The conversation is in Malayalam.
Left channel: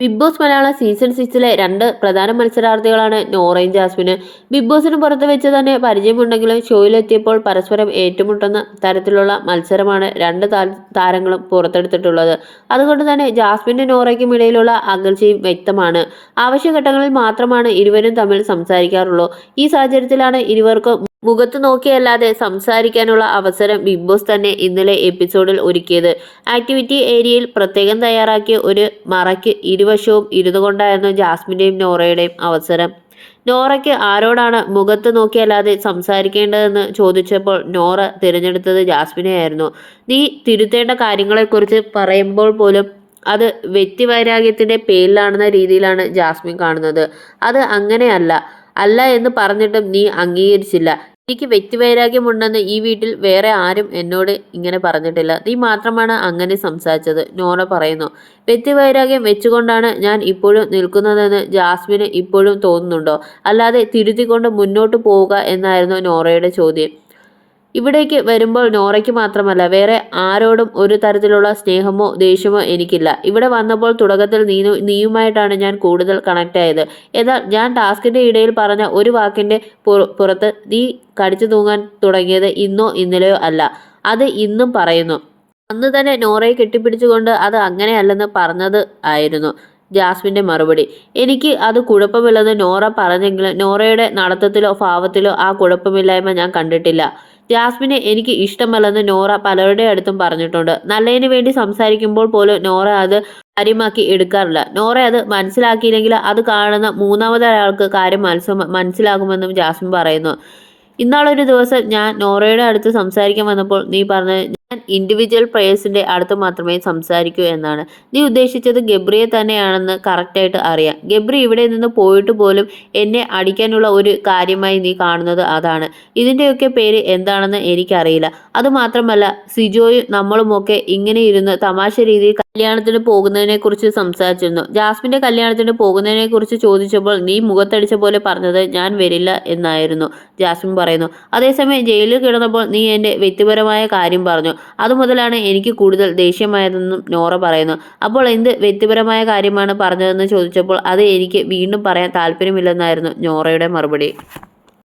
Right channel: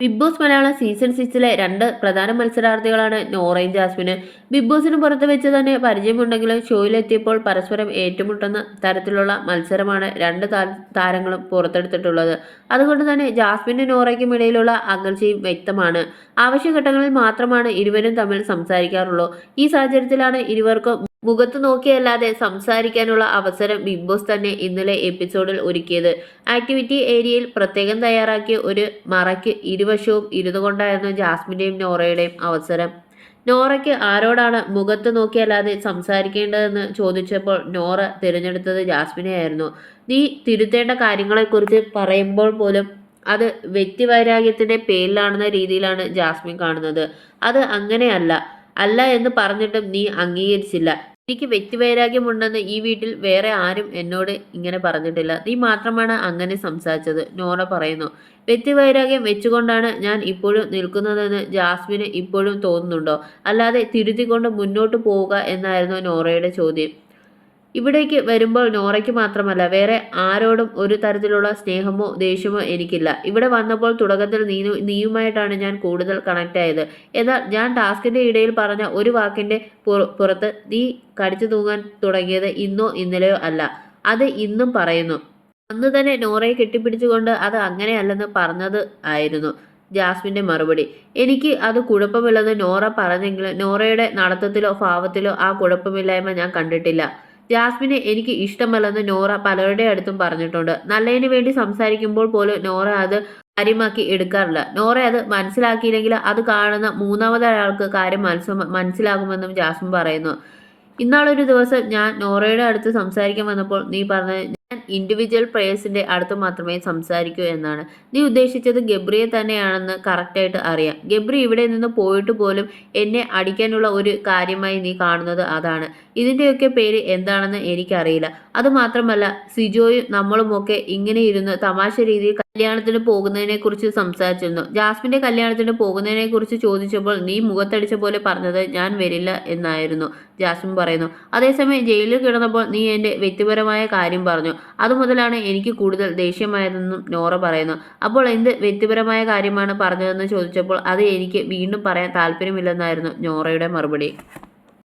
ബിഗ് ബോസ് മലയാളം സീസൺ 6-ലെ 2 പ്രധാന മത്സരാർത്ഥികളാണ് നോറയും ജാസ്മിനും. ബിഗ് ബോസിന് പുറത്ത് വെച്ച് തന്നെ പരിചയമുണ്ടെങ്കിലും ഷോയിലെത്തിയപ്പോൾ പരസ്പരം ഏറ്റുമുട്ടുന്ന തരത്തിലുള്ള മത്സരമാണ് രണ്ട് താരങ്ങളും പുറത്തെടുത്തിട്ടുള്ളത്. അതുകൊണ്ട് തന്നെ ജാസ്മിനും നോറയ്ക്കും ഇടയിലുള്ള അകൽച്ചയും വ്യക്തമാണ്. ആവശ്യഘട്ടങ്ങളിൽ മാത്രമാണ് ഇരുവരും തമ്മിൽ സംസാരിക്കാറുള്ളൂ. ഈ സാഹചര്യത്തിലാണ് ഇരുവർക്കും മുഖത്ത് നോക്കിയല്ലാതെ സംസാരിക്കാനുള്ള അവസരം ബിഗ് ബോസ് തന്നെ ഇന്നലെ എപ്പിസോഡിൽ ഒരുക്കിയത്. ആക്ടിവിറ്റി ഏരിയയിൽ പ്രത്യേകം തയ്യാറാക്കിയ ഒരു മറയ്ക്ക് ഇരുവശവും ഇരുന്നുകൊണ്ടായിരുന്നു ജാസ്മിൻ്റെയും നോറയുടെയും അവസരം. നോറയ്ക്ക് ആരോടാണ് മുഖത്ത് നോക്കിയല്ലാതെ സംസാരിക്കേണ്ടതെന്ന് ചോദിച്ചപ്പോൾ നോറ തിരഞ്ഞെടുത്തത് ജാസ്മിനെയായിരുന്നു. നീ തിരുത്തേണ്ട കാര്യങ്ങളെക്കുറിച്ച് പറയുമ്പോൾ പോലും അത് വ്യക്തിവൈരാഗ്യത്തിൻ്റെ പേരിലാണെന്ന രീതിയിലാണ് ജാസ്മിൻ കാണുന്നത്. അത് അങ്ങനെയല്ല അല്ല എന്ന് പറഞ്ഞിട്ടും നീ അംഗീകരിച്ചില്ല. എനിക്ക് വ്യക്തിവൈരാഗ്യമുണ്ടെന്ന് ഈ വീട്ടിൽ വേറെ ആരും എന്നോട് ഇങ്ങനെ പറഞ്ഞിട്ടില്ല. നീ മാത്രമാണ് അങ്ങനെ സംസാരിച്ചത്, നോറ പറയുന്നു. വ്യക്തിവൈരാഗ്യം വെച്ചുകൊണ്ടാണ് ഞാൻ ഇപ്പോഴും നിൽക്കുന്നതെന്ന് ജാസ്മിന് ഇപ്പോഴും തോന്നുന്നുണ്ടോ? അല്ലാതെ തിരുത്തിക്കൊണ്ട് മുന്നോട്ട് പോവുക എന്നായിരുന്നു നോറയുടെ ചോദ്യം. ഇവിടേക്ക് വരുമ്പോൾ നോറയ്ക്ക് മാത്രമല്ല വേറെ ആരോടും ഒരു തരത്തിലുള്ള സ്നേഹമോ ദേഷ്യമോ എനിക്കില്ല. ഇവിടെ വന്നപ്പോൾ തുടക്കത്തിൽ നീയുമായിട്ടാണ് ഞാൻ കൂടുതൽ കണക്ട് ആയത്. എന്നാൽ ഞാൻ ടാസ്കിൻ്റെ ഇടയിൽ പറഞ്ഞ ഒരു വാക്കിൻ്റെ പുറത്ത് നീ കടിച്ചു തൂങ്ങാൻ തുടങ്ങിയത് ഇന്നോ ഇന്നലെയോ അല്ല. അത് ഇന്നും പറയുന്നു. അന്ന് തന്നെ നോറയെ കെട്ടിപ്പിടിച്ചുകൊണ്ട് അത് അങ്ങനെയല്ലെന്ന് പറഞ്ഞത് ആയിരുന്നു ജാസ്മിൻ്റെ മറുപടി. എനിക്ക് അത് കുഴപ്പമില്ലെന്ന് നോറ പറഞ്ഞെങ്കിലും നോറയുടെ നടത്തത്തിലോ ഭാവത്തിലോ ആ കുഴപ്പമില്ലായ്മ ഞാൻ കണ്ടിട്ടില്ല. ജാസ്മിനെ എനിക്ക് ഇഷ്ടമല്ലെന്ന് നോറ പലരുടെ അടുത്തും പറഞ്ഞിട്ടുണ്ട്. നല്ലതിന് വേണ്ടി സംസാരിക്കുമ്പോൾ പോലും നോറ അത് കാര്യമാക്കി എടുക്കാറില്ല. നോറ അത് മനസ്സിലാക്കിയില്ലെങ്കിൽ അത് കാണുന്ന മൂന്നാമതൊരാൾക്ക് കാര്യം മനസ്സിലാകുമെന്നും ജാസ്മിൻ പറയുന്നു. ഇന്നാളൊരു ദിവസം ഞാൻ നോറയുടെ അടുത്ത് സംസാരിക്കാൻ വന്നപ്പോൾ നീ പറഞ്ഞത് ഞാൻ ഇൻഡിവിജ്വൽ പ്ലേയേഴ്സിൻ്റെ അടുത്ത് മാത്രമേ സംസാരിക്കൂ എന്നാണ്. നീ ഉദ്ദേശിച്ചത് ഗബ്രിയെ തന്നെയാണെന്ന് കറക്റ്റായിട്ട് അറിയാം. ഗബ്രി ഇവിടെ നിന്ന് പോയിട്ട് പോലും എന്നെ അടിക്കാനുള്ള ഒരു കാര്യമായി നീ കാണുന്നത് അതാണ്. ഇതിൻ്റെയൊക്കെ പേര് എന്താണെന്ന് എനിക്കറിയില്ല. അതുമാത്രമല്ല സിജോയും നമ്മളുമൊക്കെ ഇങ്ങനെ ഇരുന്ന് തമാശ രീതിയിൽ കല്യാണത്തിന് പോകുന്നതിനെക്കുറിച്ച് സംസാരിച്ചിരുന്നു. ജാസ്മിൻ്റെ കല്യാണത്തിന് പോകുന്നതിനെക്കുറിച്ച് ചോദിച്ചപ്പോൾ നീ മുഖത്തടിച്ച പോലെ പറഞ്ഞത് ഞാൻ വരില്ല എന്നായിരുന്നു ജാസ്മിൻ പറയുന്നു. അതേസമയം ജയിലിൽ കിടന്നപ്പോൾ നീ എൻ്റെ വ്യക്തിപരമായ കാര്യം പറഞ്ഞു. അതുമുതലാണ് എനിക്ക് കൂടുതൽ ദേഷ്യമായതെന്നും നോറ പറയുന്നു. അപ്പോൾ എന്ത് വ്യക്തിപരമായ കാര്യമാണ് പറഞ്ഞതെന്ന് ചോദിച്ചപ്പോൾ അത് എനിക്ക് വീണ്ടും പറയാൻ താല്പര്യമില്ലെന്നായിരുന്നു നോറയുടെ മറുപടി.